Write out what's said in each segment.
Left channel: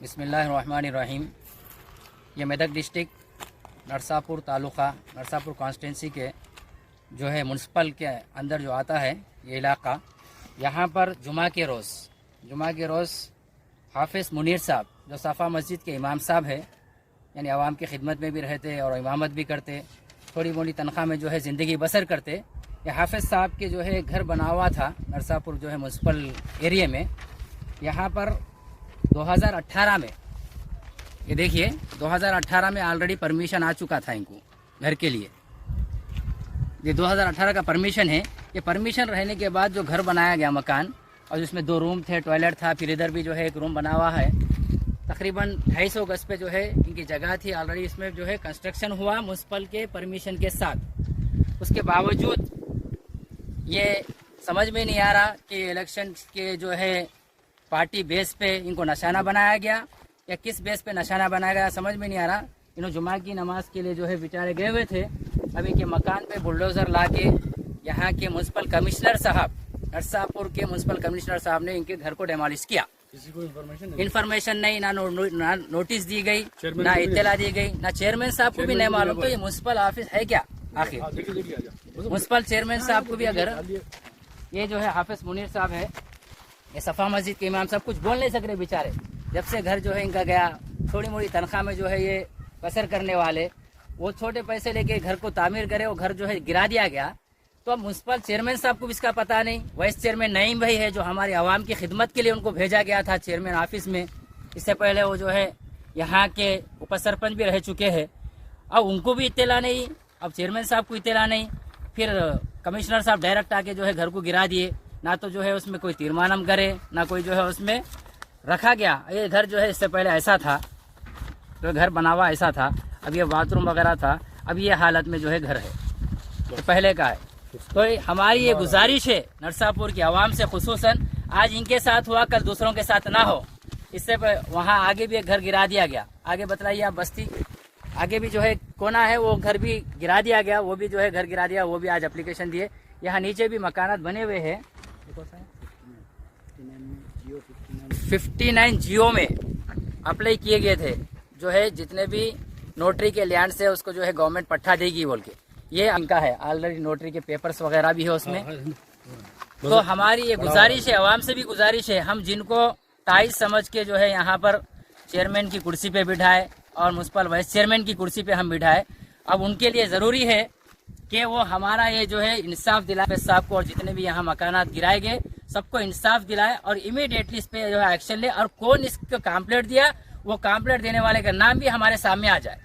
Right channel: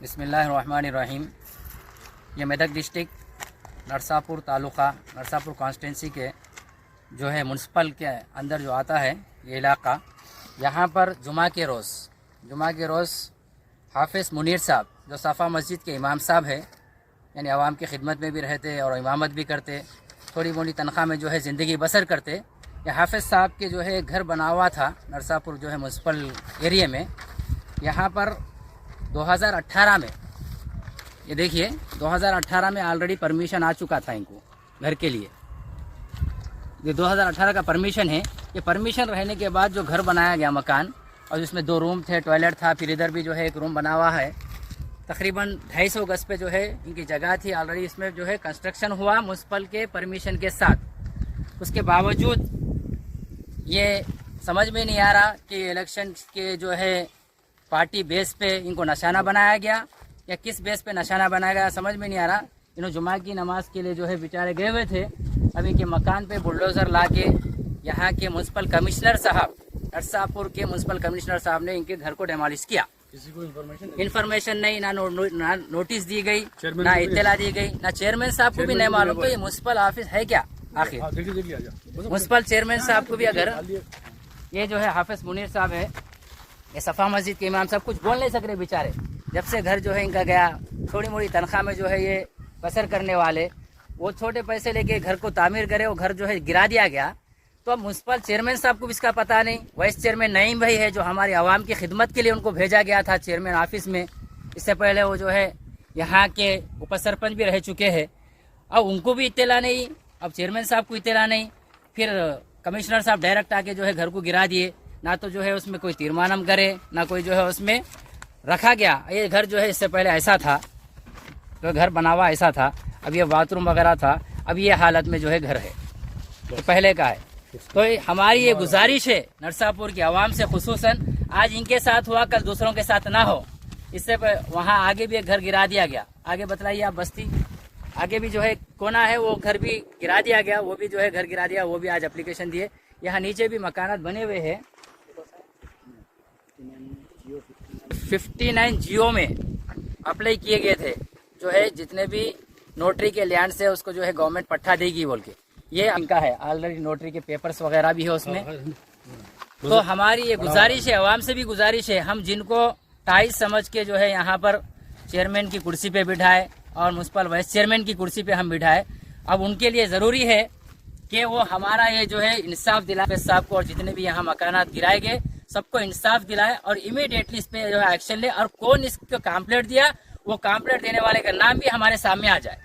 बिस्मिल्लाहिर्रहमानिर्रहीम। ये Medak district Narsapur taluka Narsapur constituency के जो है म्यूनसिपल के अंदर जो आता है ये इलाका, यहाँ पर जुमा के रोज़ हाफिज़ मुनीर साहब जो सफ़ा मस्जिद के इमाम साहब है, यानी आवाम की खिदमत में भी रहते और इमामत भी करते, थोड़ी मोटी तनख्वाह में जो है ज़िंदगी बसर करते। ये हाफिज़ साहब के जो है घर बना हुआ था नरसापुर जो है म्यूनसिपल एरिया में। यहाँ पर 2018 में, ये देखिए 2018 में ऑलरेडी परमिशन आ चुका था इनको घर के लिए। ये 2018 का परमिशन है। ये परमिशन रहने के बाद जो घर बनाया गया मकान, और उसमें 2 रूम थे, टॉयलेट था, फिर इधर भी जो है एक रूम बना हुआ है। तकरीबन 250 गज पे जो है इनकी जगह थी ऑलरेडी। इसमें जो है कंस्ट्रक्शन हुआ म्यूनसिपल के परमिशन के साथ। उसके बावजूद ये समझ में नहीं आ रहा कि इलेक्शन के जो है पार्टी बेस पे इनको निशाना बनाया गया या किस बेस पे निशाना बनाया गया, समझ में नहीं आ रहा। इन्होंने जुमा की नमाज के लिए जो है बेचारे गए हुए थे। अब इनके मकान पे बुलडोजर ला के यहाँ के म्यूनसिपल कमिश्नर साहब, नरसापुर के म्यूनसिपल कमिश्नर साहब ने इनके घर को डेमोलिश किया। किसी को इन्फॉर्मेशन नहीं, ना नोटिस दी गई, ना इत्तला दी गई, ना चेयरमैन साहब को भी नहीं मालूम। तो ये म्यूनसिपल ऑफिस है क्या आखिर? म्यूनसिपल चेयरमैन साहब को भी अगर, ये जो है हाफिज मुनीर साहब है, ये सफ़ा मस्जिद के इमाम साहब, कुछ बोल नहीं सक रहे बेचारे। जब से घर जो है इनका गया, थोड़ी मोड़ी तनख्वाह में जो है ये बसर करने वाले, वो छोटे पैसे लेके घर को तामीर करे, वो घर जो है गिरा दिया गया। तो अब म्यूनसिपल चेयरमैन साहब को भी इसका पता नहीं। वाइस चेयरमैन नईम भाई है जो हमारे आवाम की खिदमत के लिए उनको भेजा गया था चेयरमैन ऑफिस में। इससे पहले वो जो है यहाँ के उप सरपंच भी रह चुके हैं। अब उनको भी इत्तला नहीं, अब चेयरमैन साहब को इत्तला नहीं। फिर कमिश्नर साहब डायरेक्ट आके जो है घर को गिरा दिए। ना तो जो है उसमें कोई तीर्मानम करे, ना कोई जो है उसमें रखा गया। ये घर जो है इससे पहले ऐसा था, तो घर बना हुआ ऐसा था। अब ये बाथरूम वगैरह था, अब ये हालत में जो है घर है, तो पहले का है। तो हमारी ये गुजारिश है नरसापुर की आवाम से, खुसूसन आज इनके साथ हुआ, कल दूसरों के साथ ना हो। इससे वहाँ आगे भी एक घर गिरा दिया गया। आगे बतलाइए आप, बस्ती आगे भी जो है कोना है, वो घर भी गिरा दिया गया, वो भी जो है घर गिरा दिया, वो भी आज एप्लीकेशन दिए। यहाँ नीचे भी मकानात बने हुए हैं। 59 जियो में अप्लाई किए गए थे, जो है जितने भी नोटरी के लैंड से उसको जो है गवर्नमेंट पट्टा देगी बोल के, ये इनका है। ऑलरेडी नोटरी के पेपर्स वगैरह भी है उसमें। तो हमारी ये गुजारिश है, आवाम से भी गुजारिश है, हम जिनको टाइज समझ के जो है यहाँ पर चेयरमैन की कुर्सी पे बिठाए और म्यूनसिपल वाइस चेयरमैन की कुर्सी पे हम बिठाए, अब उनके लिए जरूरी है कि वो हमारा ये जो है इंसाफ दिलाए साहब को, और जितने भी यहाँ मकानात गिराए गए सबको इंसाफ दिलाए और इमीडिएटली इस पे जो है एक्शन ले। और कौन इसको कॉम्प्लेट दिया, वो कॉम्प्लेट देने वाले का नाम भी हमारे सामने आ जाए।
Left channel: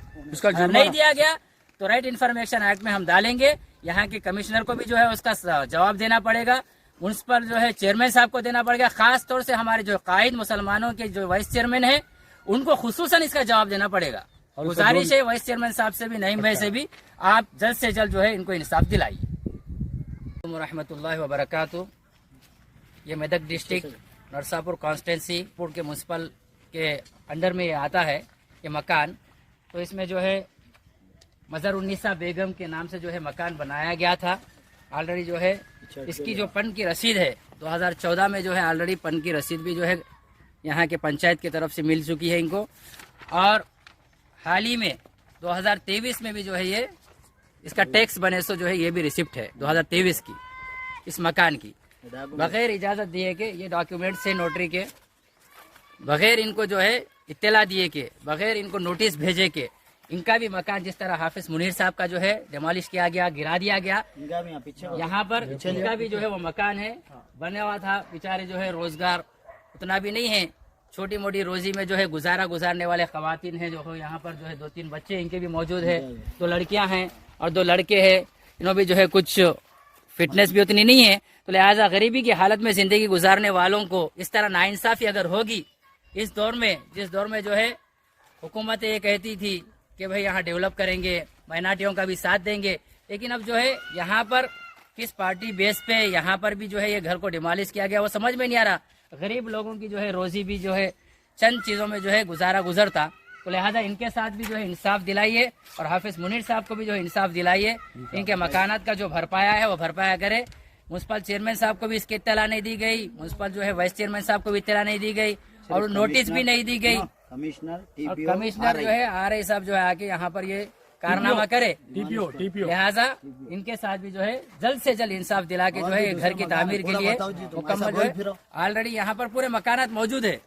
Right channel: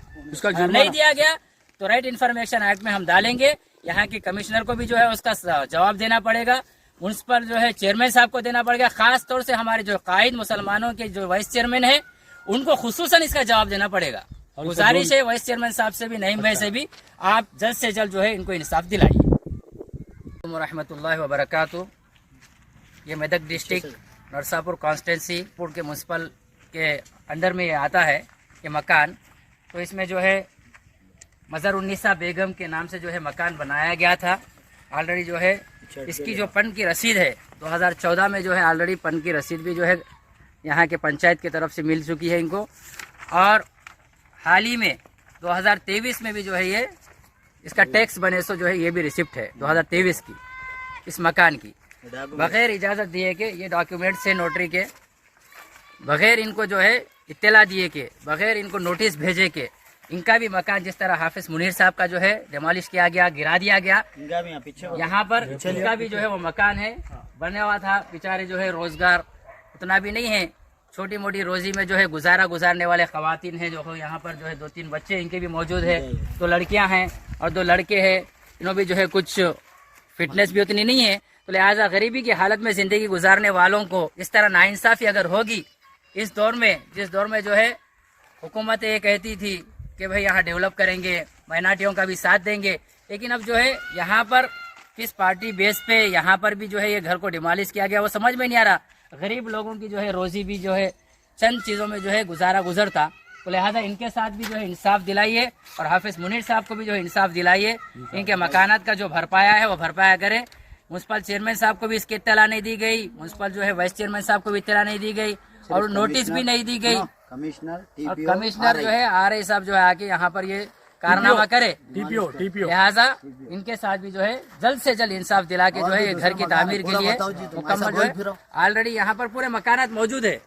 अगर नहीं दिया गया तो राइट इन्फॉर्मेशन एक्ट में हम डालेंगे। यहाँ के कमिश्नर को भी जो है उसका जवाब देना पड़ेगा, म्यूनसिपल जो है चेयरमैन साहब को देना पड़ेगा। खास तौर से हमारे जो कायद मुसलमानों के जो वाइस चेयरमैन है, उनको खुसूसन इसका जवाब देना पड़ेगा। गुजारिश है वाइस चेयरमैन साहब से भी, नईम भाई से भी, आप जल्द से जल्द जो है इनको इंसाफ दिलाइए। रहमतुल्लाहि व बरकातहू। ये मेदक डिस्ट्रिक्ट नरसापुर कॉन्स्टिट्यूंसी के म्यूनसिपल के अंडर में ये आता है ये मकान। तो इसमें जो है मज़र उन्नीसा बेगम के नाम से जो है मकान बनाया गया था। ऑलरेडी जो है इसकी जो पन की रसीद है 2014 में जो है ऑलरेडी पन की रसीद भी जो है यहाँ के पंचायत की तरफ से मिल चुकी है इनको। और हाल ही में 2023 में भी जो है ये इसका टैक्स बने सो जो है ये भी रिसिप्ट है 2023 की इस मकान की, बगैर इजाज़त दिए के, ये डॉक्यूमेंट्स है नोटरी के, बगैर इनको जो है इत्तला दिए के, बगैर इनको नोटिस भेजे के, इनका भी मकान जिस तरह हाफिज मुनीर साहब का जो है डेमोलिश किया गया, गिरा दिया गया। यहाँ पर इनका भी जो है वो मकान है बने हुआ था। बेचारे जो है रोजगार उतना भी नहीं है, छोटी मोटी रोजी में जो है गुजारने वाले खवातीन हैं जो यहाँ पर जो है 2-3 बच्चे इनके भी मौजूद है, 2 लड़कियां हैं और 2 लड़के हैं। इन्हों भी जो है कुछ फिटनेस भी उतनी नहीं है, तो लिहाजा गरीबी की हालत में जिंदगी गुजारने वालों को इस तरह नाइंसाफी अगर होगी इस दौर में, जिस दौर में जो है हुकूमत ये कहती थी कि भाई यहाँ डेवलप करेंगे, माइनॉरिटियों का भी साथ देंगे, लेकिन अब जो है यहाँ पर किस पार्टी बेस पे यहाँ पर भी जो है ये घर को डिमोलिश किया गया, वो समझ में नहीं आ रहा। गरीब लोगों की जो है रोजी भी जो है चंद चीज़ों में जो है गुजरता। तो लिहाजा इनके साथ भी जो है इंसाफ दिलाइए और हाफिज मुनीर साहब को भी जो है इंसाफ दिलाइए। इनके मकानात का जो भरपाया है वो भरपाया करे। म्यूनसिपल चेयरमैन साहब को भी इसकी इत्तला नहीं दी गई, म्यूनसिपल जो है वाइस चेयरमैन साहब को भी इत्तला नहीं दी गई और नोटिस भी नहीं दी गई। कमिश्नर और टीपीओ कमिश्नर जो है RI साहब जो है आके यहाँ पर ये कारनामा करे, टीपीओ लिहाजा इनके साथ भी जो है जल्द से जल्द इंसाफ दिला के जो है घर की तामीर के लिए मुकम्मल जो है, ऑलरेडी यहाँ पर पूरे मकानात मौजूद है।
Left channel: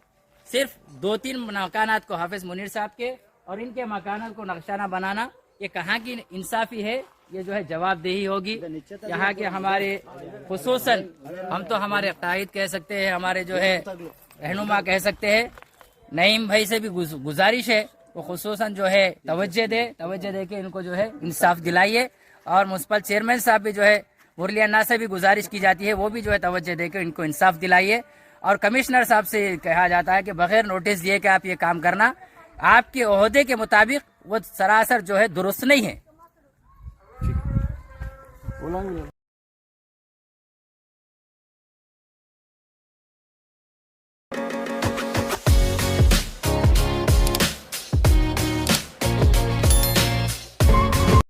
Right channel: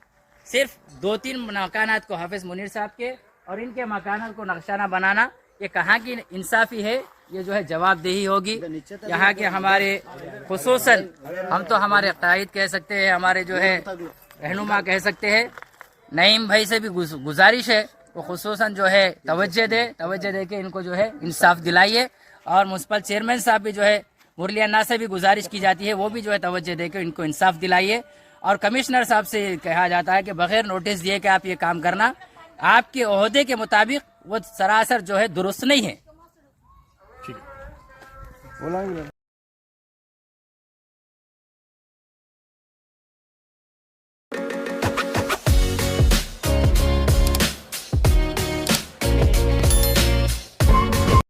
सिर्फ 2-3 मकानात को हाफिज मुनीर साहब के और इनके मकानात को नक्शाना बनाना, ये कहाँ की इंसाफी है, ये जो है जवाबदेही होगी। यहाँ के हमारे खुसूसन हम तो हमारे कायद कह सकते हैं, हमारे जो है रहनुमा कह सकते हैं, नईम भाई से भी गुजारिश है वो खुसूसन जो है तवज्जो दे के इनको जो है इंसाफ दिलाइए। और म्युनिसिपल चेयरमैन साहब भी जो है मुरली अन्ना से भी गुजारिश की जाती है, वो भी जो है तवज्जो दे के इनको इंसाफ दिलाइए। और कमिश्नर साहब से कहा जाता है कि बगैर नोटिस दिए कि आप ये काम करना, आपके ओहदे के मुताबिक वो सरासर जो है दुरुस्त नहीं है।